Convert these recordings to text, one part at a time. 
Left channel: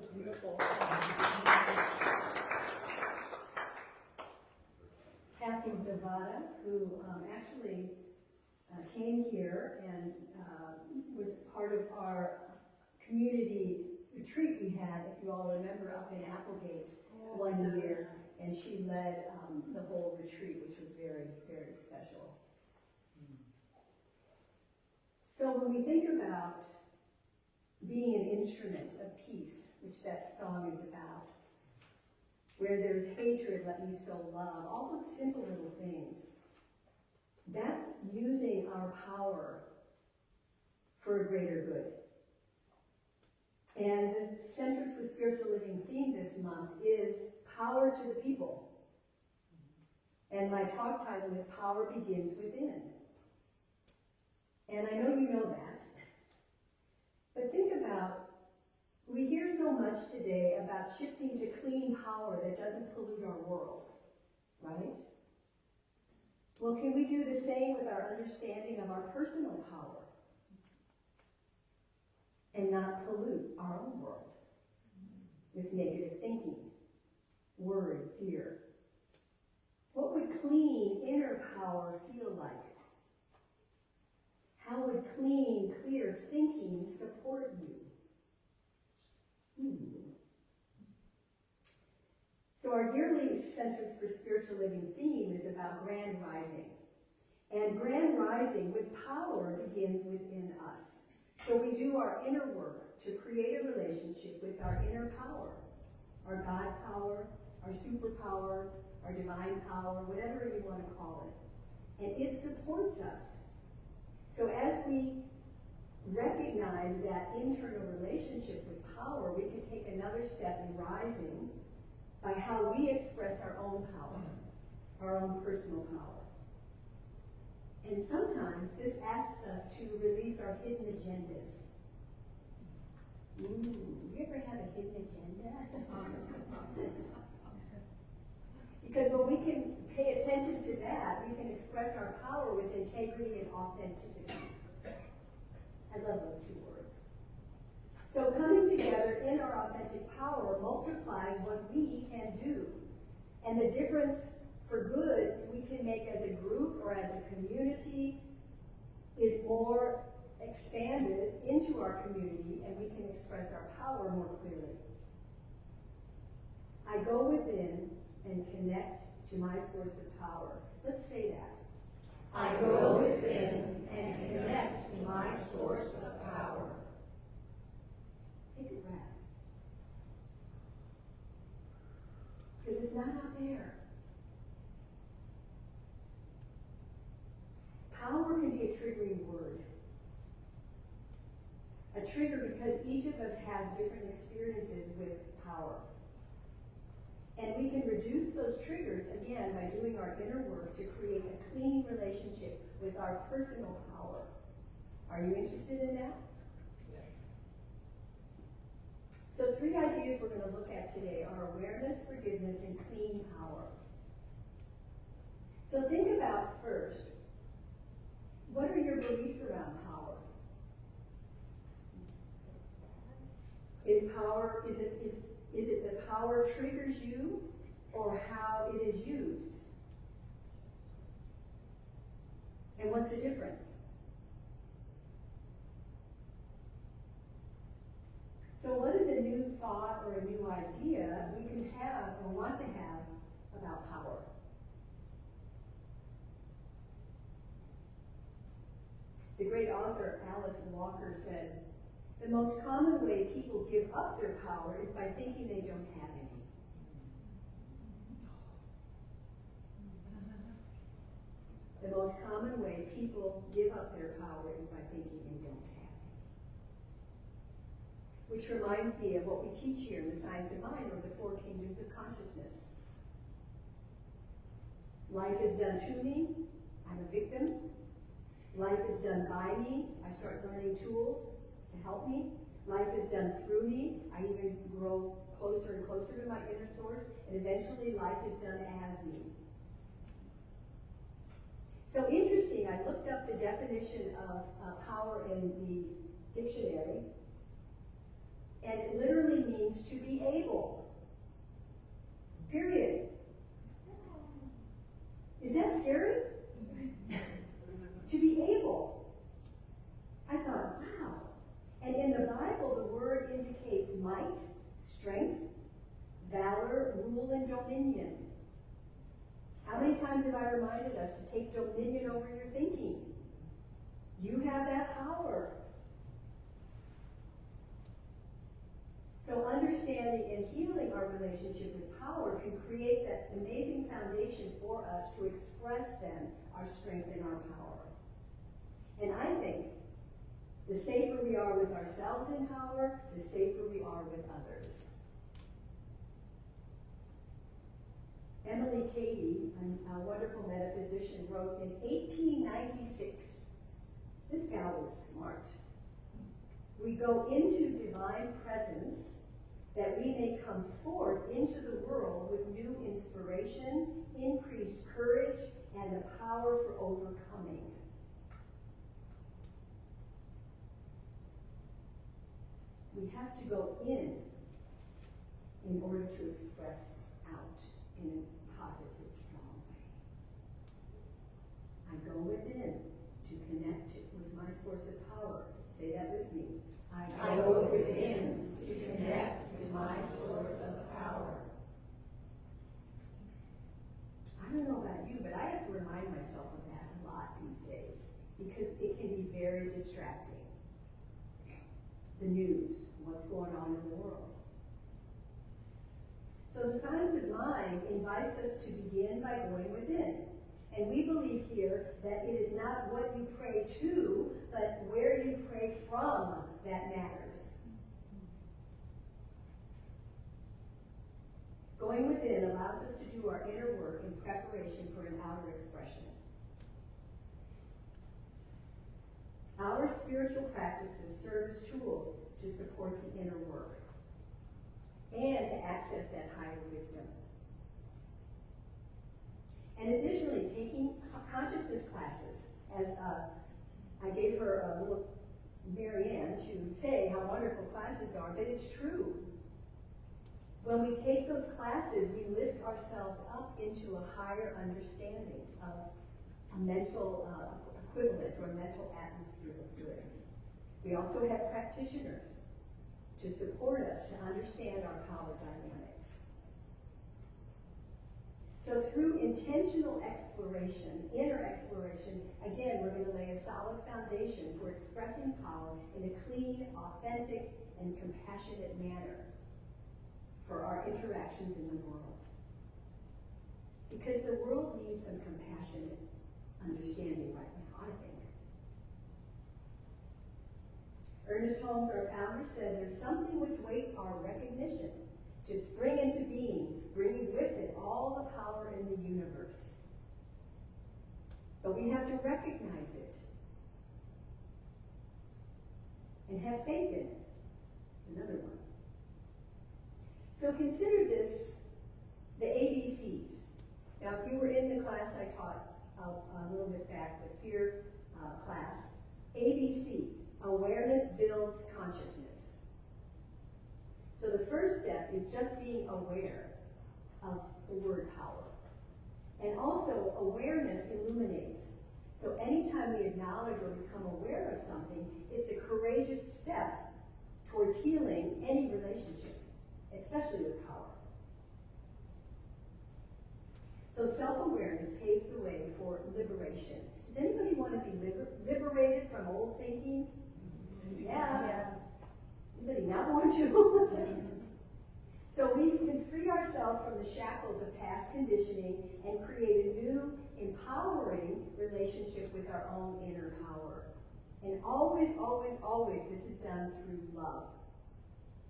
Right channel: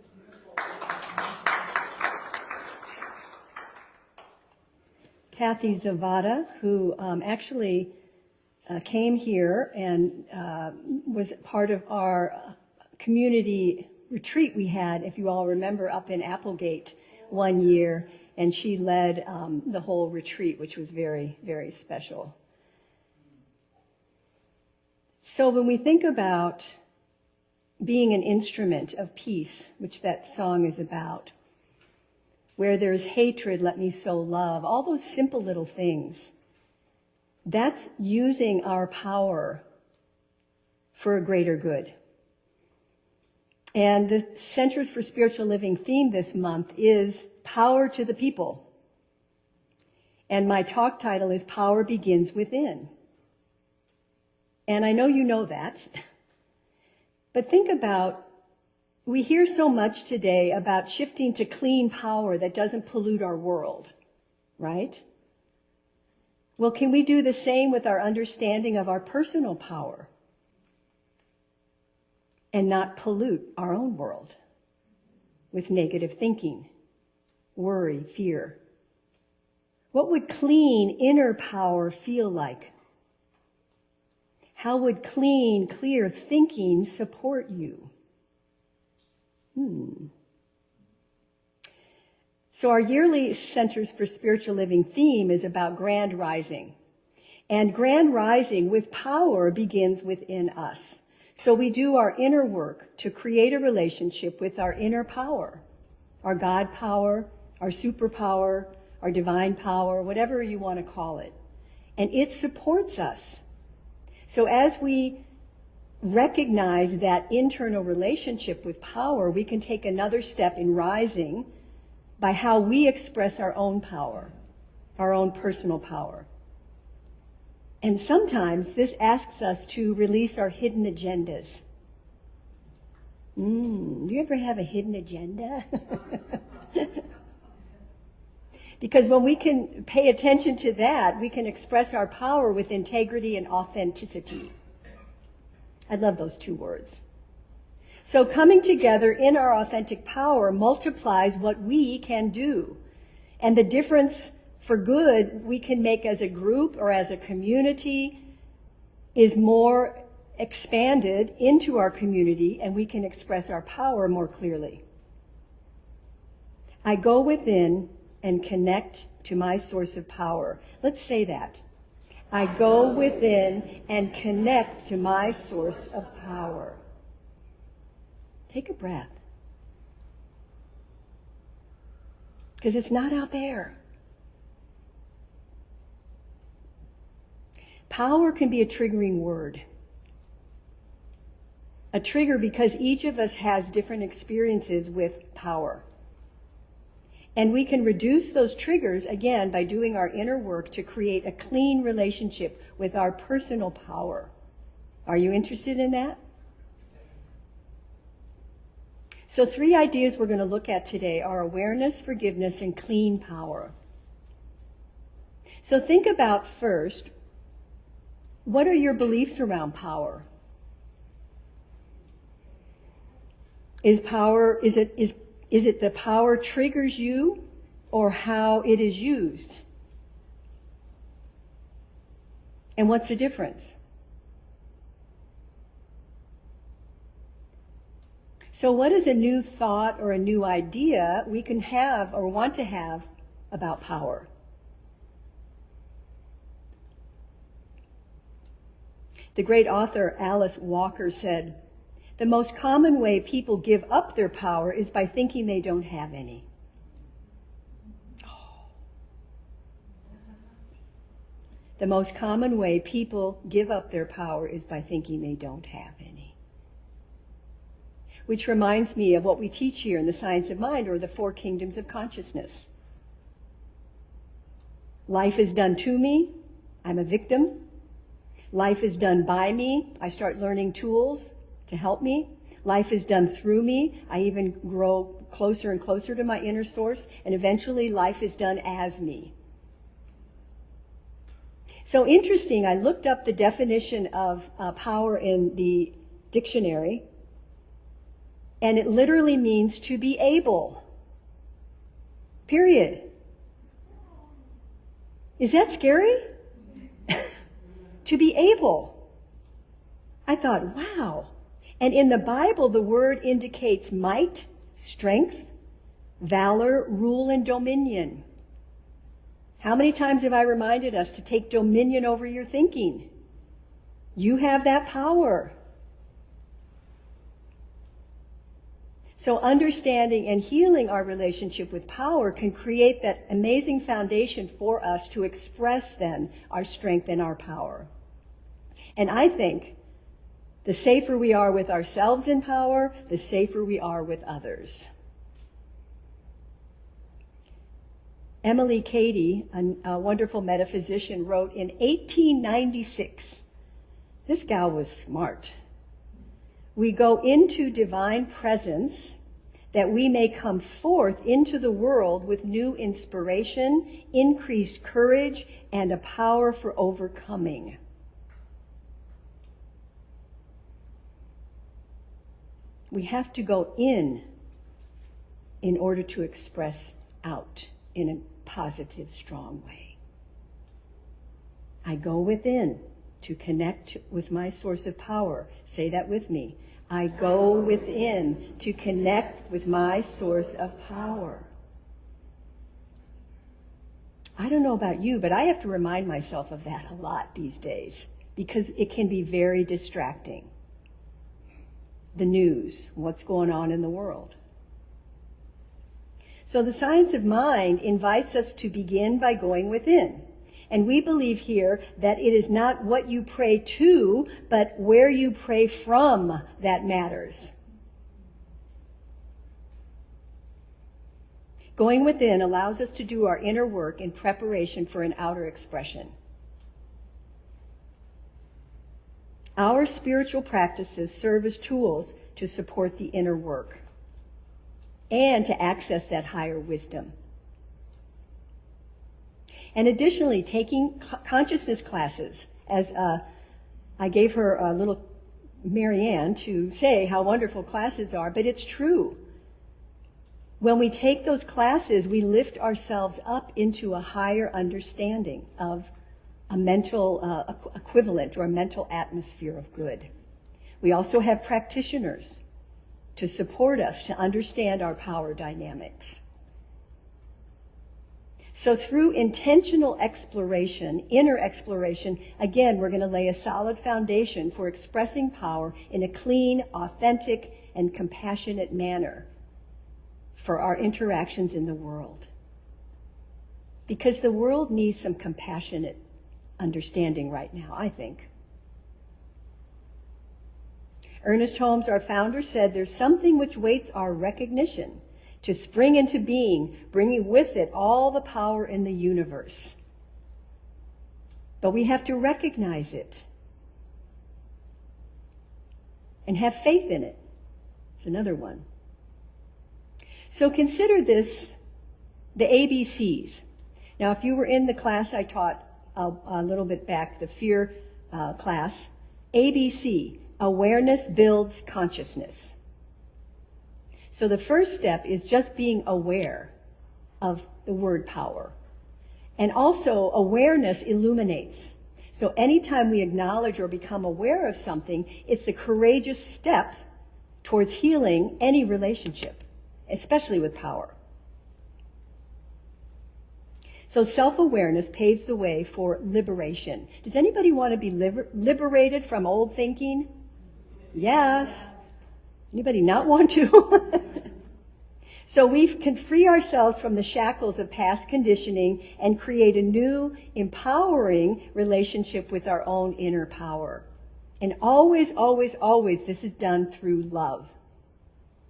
was beautiful. Kathy Zavada, who actually came here and was part of our community retreat we had, if you all remember, up in Applegate one year, and she led the whole retreat, which was very, very special. So when we think about being an instrument of peace, which that song is about, where there's hatred, let me sow love, all those simple little things, that's using our power for a greater good. And the Centers for Spiritual Living theme this month is Power to the People. And my talk title is Power Begins Within. And I know you know that. But think about, we hear so much today about shifting to clean power that doesn't pollute our world, right? Well, can we do the same with our understanding of our personal power and not pollute our own world with negative thinking, worry, fear? What would clean inner power feel like? How would clean, clear thinking support you? So our yearly Centers for Spiritual Living theme is about grand rising. And grand rising with power begins within us. So we do our inner work to create a relationship with our inner power, our God power, our superpower, our divine power, whatever you want to call it. And it supports us. So as we recognize that internal relationship with power, we can take another step in rising by how we express our own power, our own personal power. And sometimes this asks us to release our hidden agendas. Do you ever have a hidden agenda? Because when we can pay attention to that, we can express our power with integrity and authenticity. I love those two words. So coming together in our authentic power multiplies what we can do. And the difference for good we can make as a group or as a community is more expanded into our community, and we can express our power more clearly. I go within and connect to my source of power. Let's say that. I go within and connect to my source of power. Take a breath. Because it's not out there. Power can be a triggering word. A trigger because each of us has different experiences with power. And we can reduce those triggers, again, by doing our inner work to create a clean relationship with our personal power. Are you interested in that? So 3 ideas we're going to look at today are awareness, forgiveness, and clean power. So think about first, what are your beliefs around power? Is it the power triggers you or how it is used? And what's the difference? So what is a new thought or a new idea we can have or want to have about power? The great author Alice Walker said, "The most common way people give up their power is by thinking they don't have any." The most common way people give up their power is by thinking they don't have any. Which reminds me of what we teach here in the Science of Mind, or the 4 kingdoms of consciousness. Life is done to me, I'm a victim. Life is done by me, I start learning tools to help me. Life is done through me, I even grow closer and closer to my inner source, and eventually life is done as me. So interesting, I looked up the definition of power in the dictionary, And it literally means to be able. Period. Is that scary? To be able. I thought, wow. And in the Bible, the word indicates might, strength, valor, rule, and dominion. How many times have I reminded us to take dominion over your thinking? You have that power. So understanding and healing our relationship with power can create that amazing foundation for us to express then our strength and our power. And I think the safer we are with ourselves in power, the safer we are with others. Emily Cady, a wonderful metaphysician, wrote in 1896, this gal was smart. We go into divine presence that we may come forth into the world with new inspiration, increased courage, and a power for overcoming. We have to go in order to express out in a positive, strong way. I go within to connect with my source of power. Say that with me. I go within to connect with my source of power. I don't know about you, but I have to remind myself of that a lot these days because it can be very distracting. The news, what's going on in the world. So the science of mind invites us to begin by going within. And we believe here that it is not what you pray to, but where you pray from that matters. Going within allows us to do our inner work in preparation for an outer expression. Our spiritual practices serve as tools to support the inner work and to access that higher wisdom. And additionally, taking consciousness classes, as I gave her a little Marianne to say how wonderful classes are, but it's true. When we take those classes, we lift ourselves up into a higher understanding of a mental equivalent or a mental atmosphere of good. We also have practitioners to support us to understand our power dynamics. So through intentional exploration, inner exploration, again, we're going to lay a solid foundation for expressing power in a clean, authentic, and compassionate manner for our interactions in the world. Because the world needs some compassionate understanding right now, I think. Ernest Holmes, our founder, said, "There's something which waits our recognition to spring into being, bringing with it all the power in the universe." But we have to recognize it and have faith in it. It's another one. So consider this, the ABCs. Now, if you were in the class I taught a little bit back, the fear class, ABC, awareness builds consciousness. So the first step is just being aware of the word power. And also, awareness illuminates. So anytime we acknowledge or become aware of something, it's a courageous step towards healing any relationship, especially with power. So self-awareness paves the way for liberation. Does anybody want to be liberated from old thinking? Yes. Anybody not want to? So we can free ourselves from the shackles of past conditioning and create a new, empowering relationship with our own inner power. And always, always, always, this is done through love.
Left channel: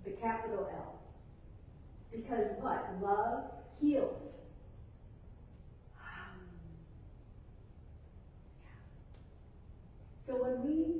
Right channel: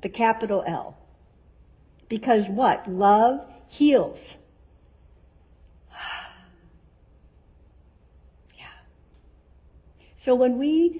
The capital L. Because what? Love heals. Yeah. So when we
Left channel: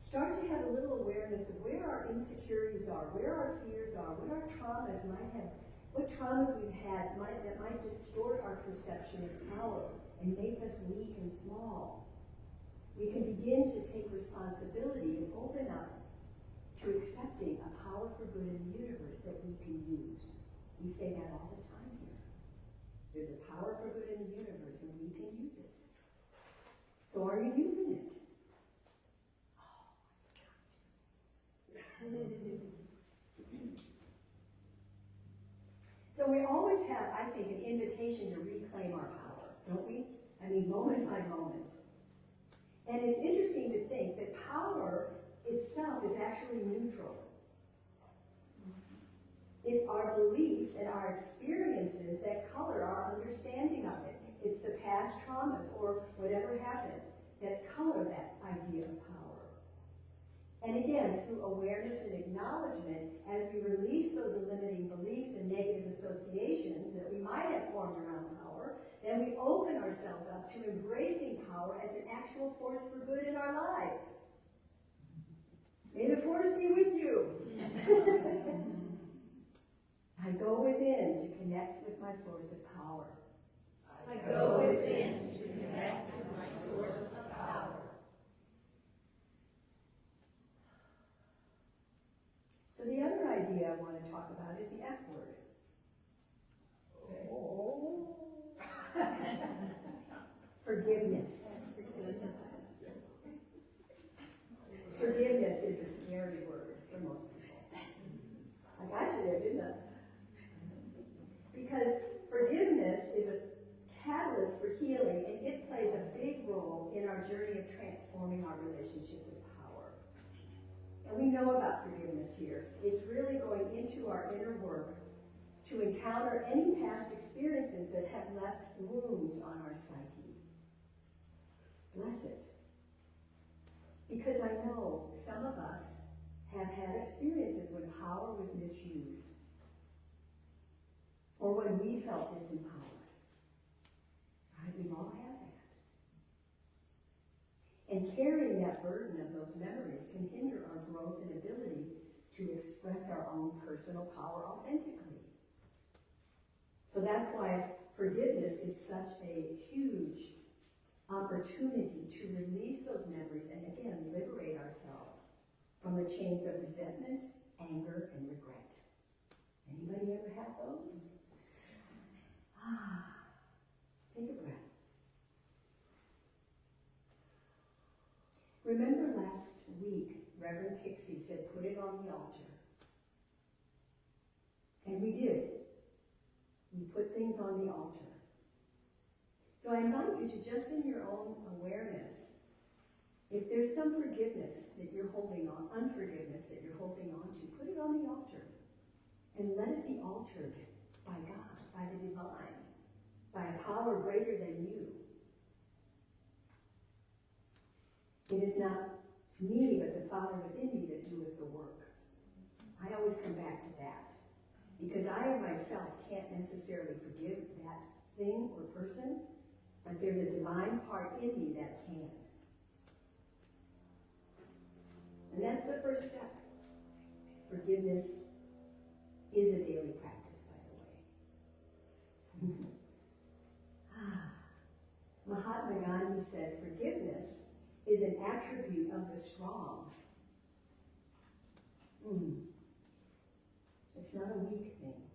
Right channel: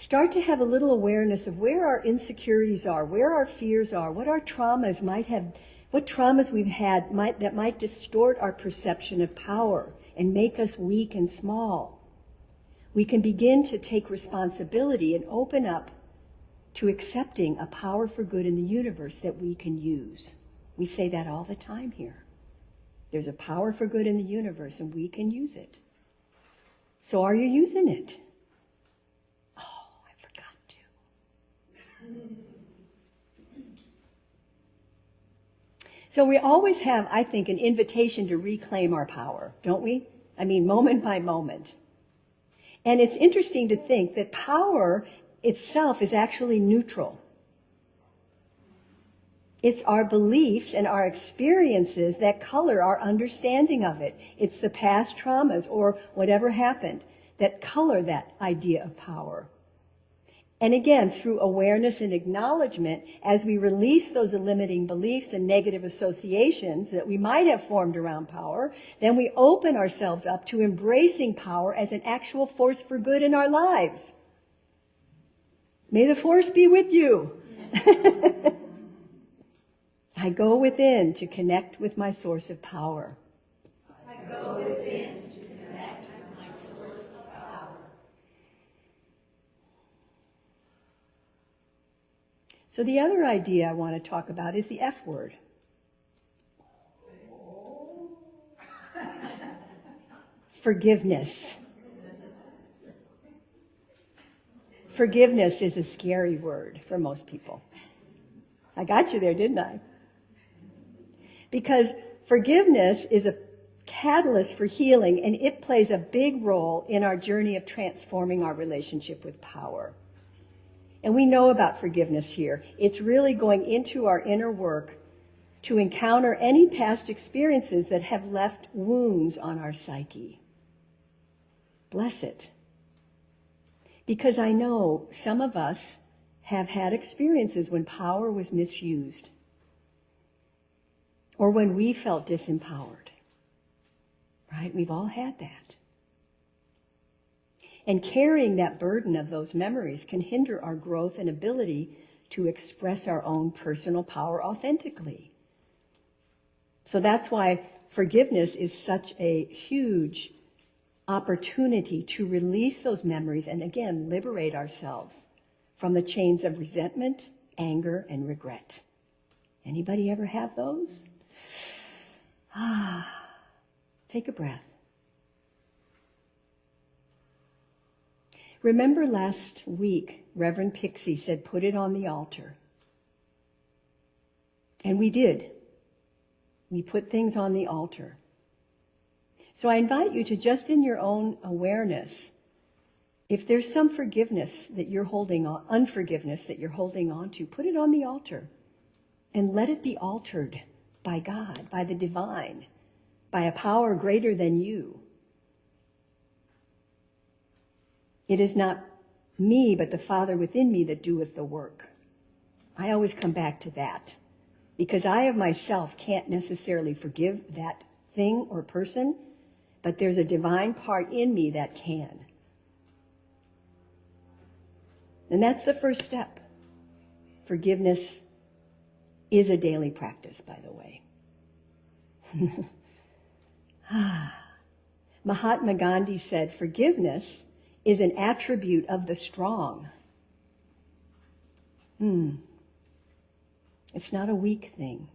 start to have a little awareness of where our insecurities are, where our fears are, what our traumas might have, what traumas we've had that might distort our perception of power and make us weak and small. We can begin to take responsibility and open up to accepting a power for good in the universe that we can use. We say that all the time here. There's a power for good in the universe and we can use it. So are you using it? Oh, I forgot to. So we always have, I think, an invitation to reclaim our power, don't we? I mean, moment by moment. And it's interesting to think that power itself is actually neutral. It's our beliefs and our experiences that color our understanding of it. It's the past traumas or whatever happened that color that idea of power. And again, through awareness and acknowledgement, as we release those limiting beliefs and negative associations that we might have formed around power, then we open ourselves up to embracing power as an actual force for good in our lives. May the force be with you. I go within to connect with my source of power. I go within to connect with my source of power. So the other idea I want to talk about is the F word. Forgiveness. Forgiveness is a scary word for most people. I got you there, didn't I? Because forgiveness is a catalyst for healing, and it plays a big role in our journey of transforming our relationship with power. And we know about forgiveness here. It's really going into our inner work to encounter any past experiences that have left wounds on our psyche. Bless it. Because I know some of us have had experiences when power was misused, or when we felt disempowered, right? We've all had that. And carrying that burden of those memories can hinder our growth and ability to express our own personal power authentically. So that's why forgiveness is such a huge opportunity to release those memories and, again, liberate ourselves from the chains of resentment, anger, and regret. Anybody ever have those? Take a breath. Remember last week, Reverend Pixie said, put it on the altar. And we did. We put things on the altar. So I invite you to, just in your own awareness, if there's some forgiveness that you're holding on, unforgiveness that you're holding on to, put it on the altar and let it be altered by God, by the divine, by a power greater than you. It is not me, but the Father within me that doeth the work. I always come back to that, because I of myself can't necessarily forgive that thing or person, but there's a divine part in me that can. And that's the first step. Forgiveness is a daily practice, by the way. Mahatma Gandhi said, forgiveness is an attribute of the strong. It's not a weak thing.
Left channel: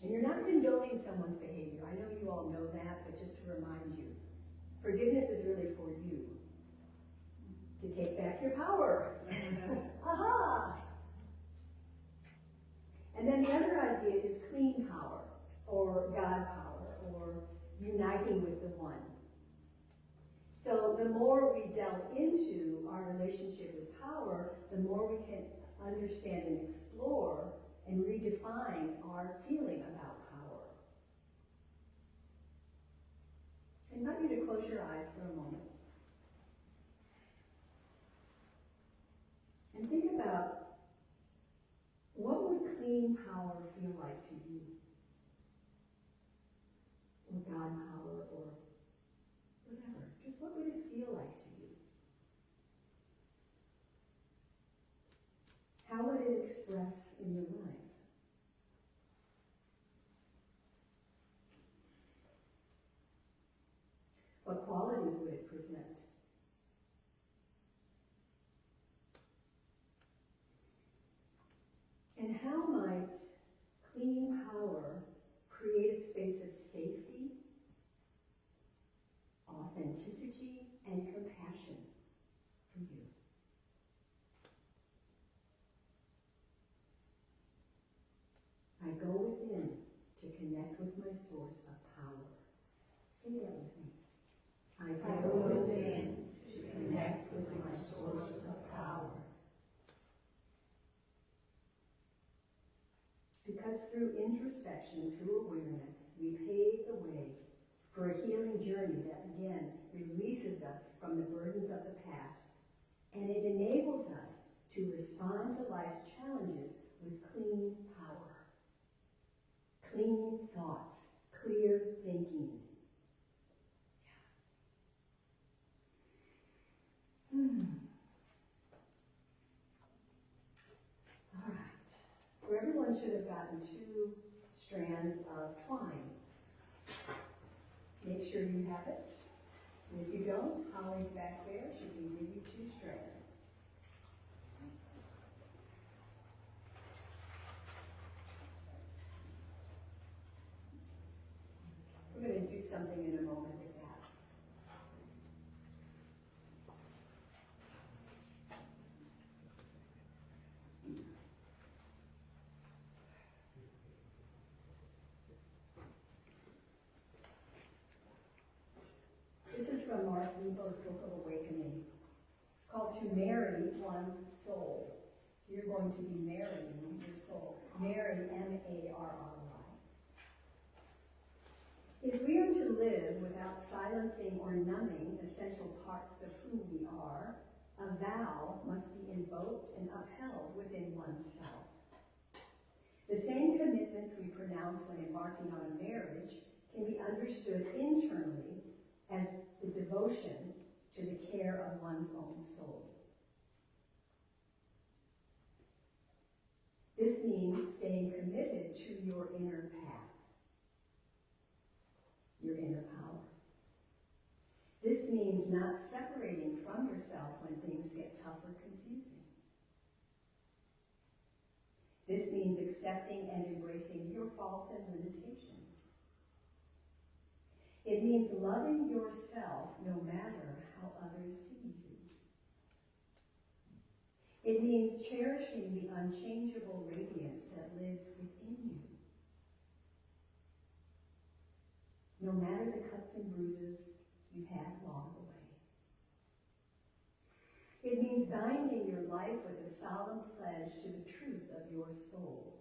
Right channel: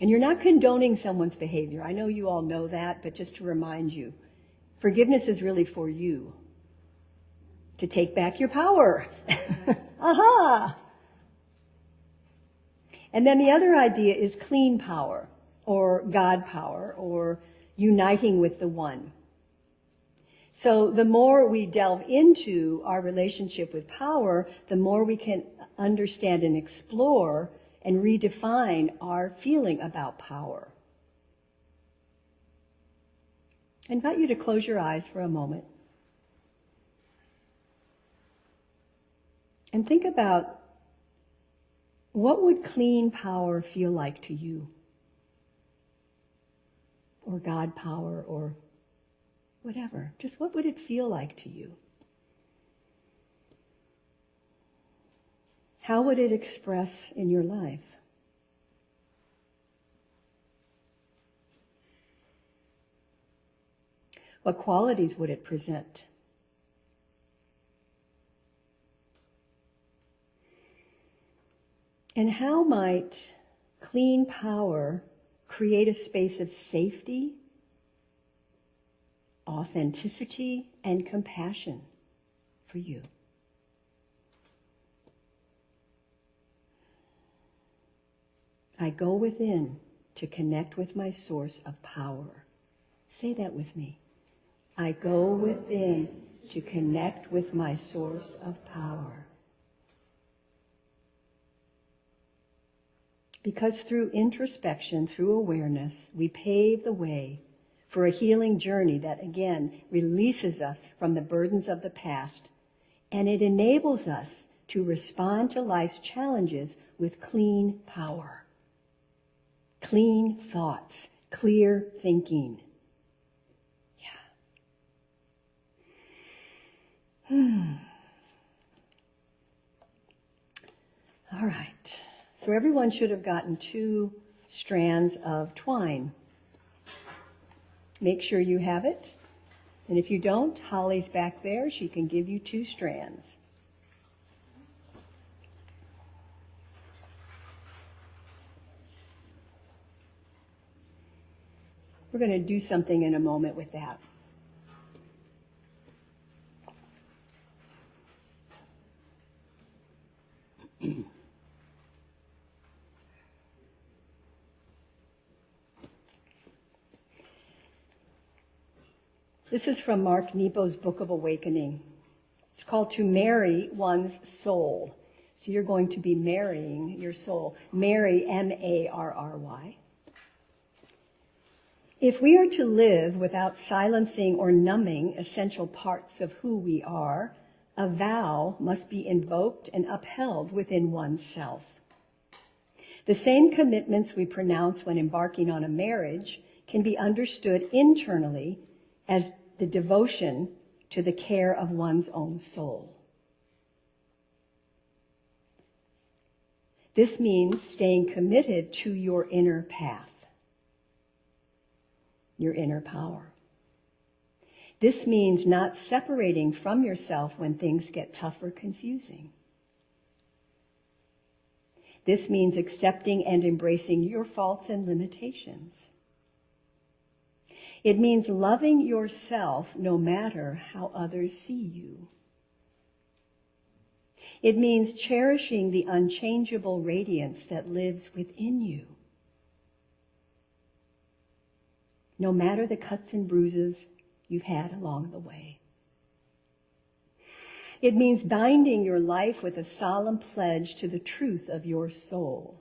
And you're not condoning someone's behavior. I know you all know that, but just to remind you, forgiveness is really for you. To take back your power. Aha! And then the other idea is clean power, or God power, or uniting with the One. So the more we delve into our relationship with power, the more we can understand and explore and redefine our feeling about power. I invite you to close your eyes for a moment and think about, what would clean power feel like to you? Or God power, or whatever. Just what would it feel like to you? How would it express in your life? What qualities would it present? And how might clean power create a space of safety, authenticity, and compassion for you? I go within to connect with my source of power. Say that with me. I go within to connect with my source of power. Because through introspection, through awareness, we pave the way for a healing journey that, again, releases us from the burdens of the past, and it enables us to respond to life's challenges with clean power, clean thoughts, clear thinking. All right. So everyone should have gotten 2 strands of twine. Make sure you have it. And if you don't, Holly's back there. She can give you 2 strands. We're going to do something in a moment with that. This is from Mark Nepo's Book of Awakening. It's called To Marry One's Soul. So you're going to be marrying your soul. Marry, M-A-R-R-Y. If we are to live without silencing or numbing essential parts of who we are, a vow must be invoked and upheld within oneself. The same commitments we pronounce when embarking on a marriage can be understood internally as the devotion to the care of one's own soul. This means staying committed to your inner path, your inner power. This means not separating from yourself when things get tough or confusing. This means accepting and embracing your faults and limitations. It means loving yourself no matter how others see you. It means cherishing the unchangeable radiance that lives within you. No matter the cuts and bruises you've had along the way. It means binding your life with a solemn pledge to the truth of your soul.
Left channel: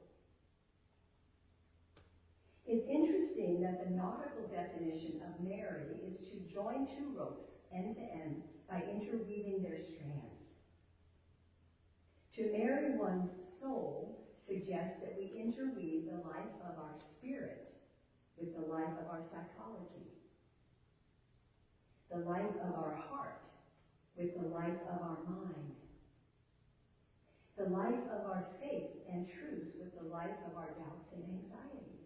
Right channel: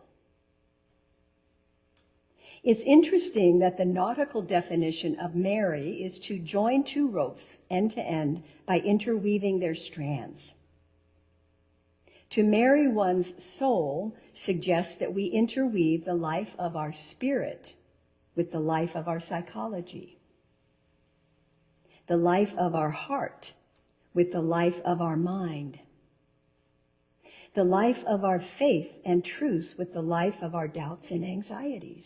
It's interesting that the nautical definition of marry is to join 2 ropes end to end by interweaving their strands. To marry one's soul suggests that we interweave the life of our spirit with the life of our psychology, the life of our heart with the life of our mind, the life of our faith and truth with the life of our doubts and anxieties.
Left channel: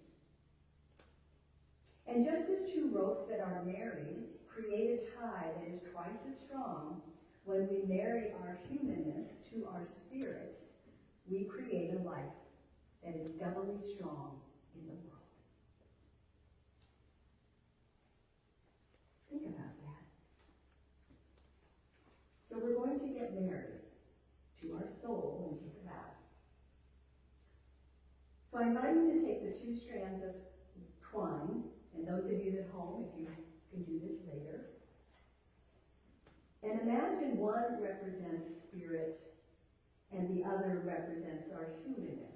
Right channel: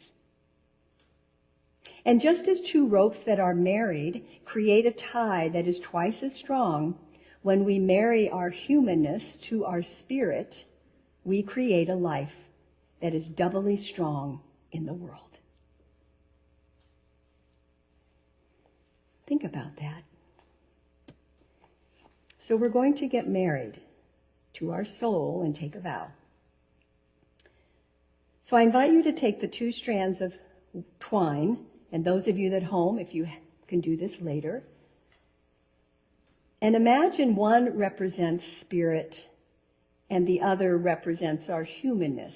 And just as 2 ropes that are married create a tie that is twice as strong, when we marry our humanness to our spirit, we create a life that is doubly strong in the world. Think about that. So we're going to get married to our soul and take a vow. So I invite you to take the 2 strands of twine, and those of you at home, if you can do this later, and imagine one represents spirit and the other represents our humanness.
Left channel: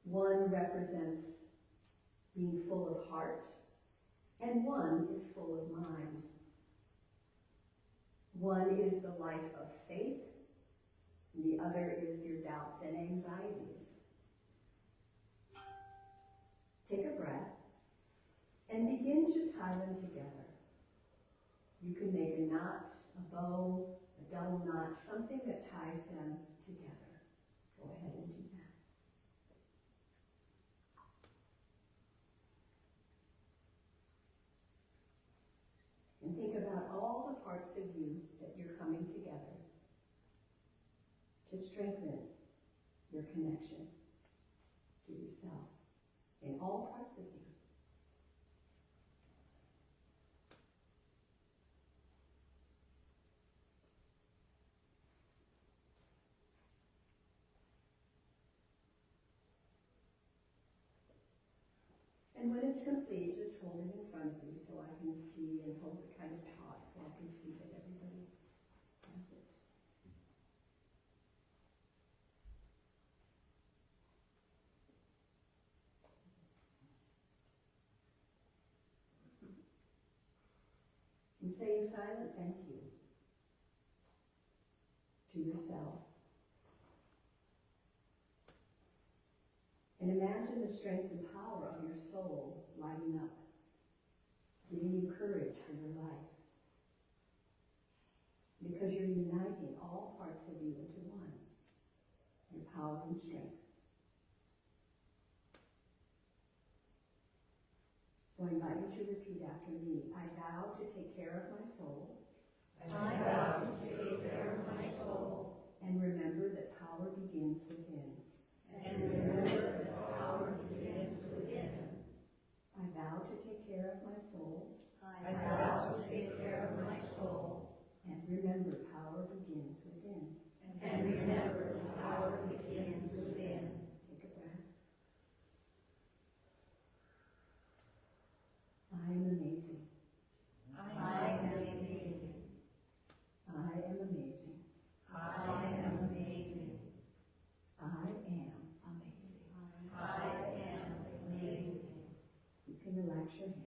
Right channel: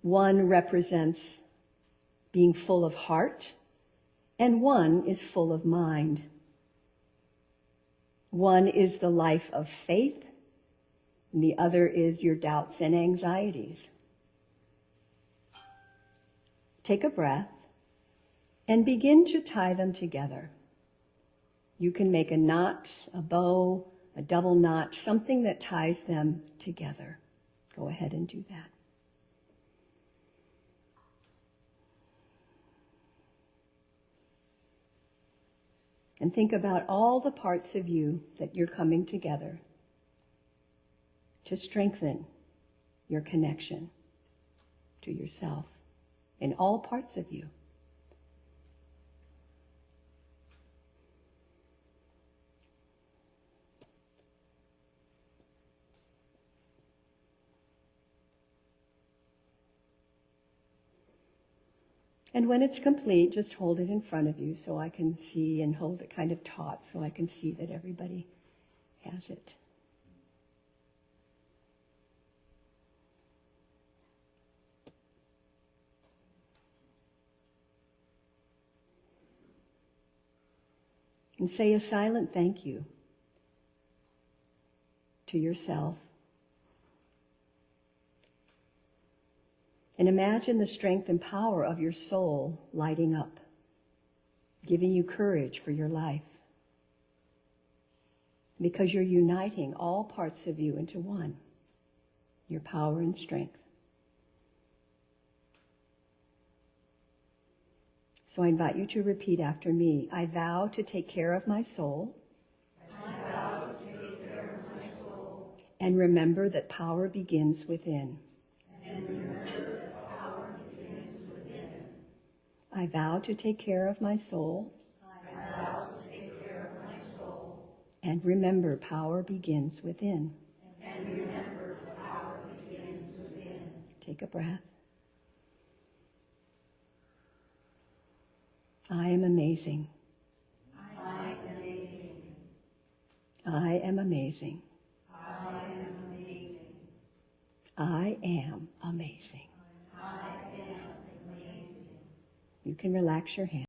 One represents being full of heart, and one is full of mind. One is the life of faith, and the other is your doubts and anxieties. Take a breath and begin to tie them together. You can make a knot, a bow, a double knot, something that ties them together. Go ahead and do that. And think about all the parts of you that you're coming together to strengthen your connection to yourself in all parts of you. And when it's complete, just hold it in front of you so I can see, and hold it kind of taut so I can see that everybody has it. And say a silent thank you to yourself. And imagine the strength and power of your soul lighting up, giving you courage for your life. Because you're uniting all parts of you into one, your power and strength. So I invite you to repeat after me. I vow to take care of my soul. I vow to take care of my soul. And remember that power begins within. And remember that power begins within. I vow to take care of my soul. I vow to take care of my soul. And remember power begins within. And remember that power begins within. Take a breath. I am amazing. I am amazing. I am amazing. I am amazing. I am amazing. I am amazing. You can relax your hands.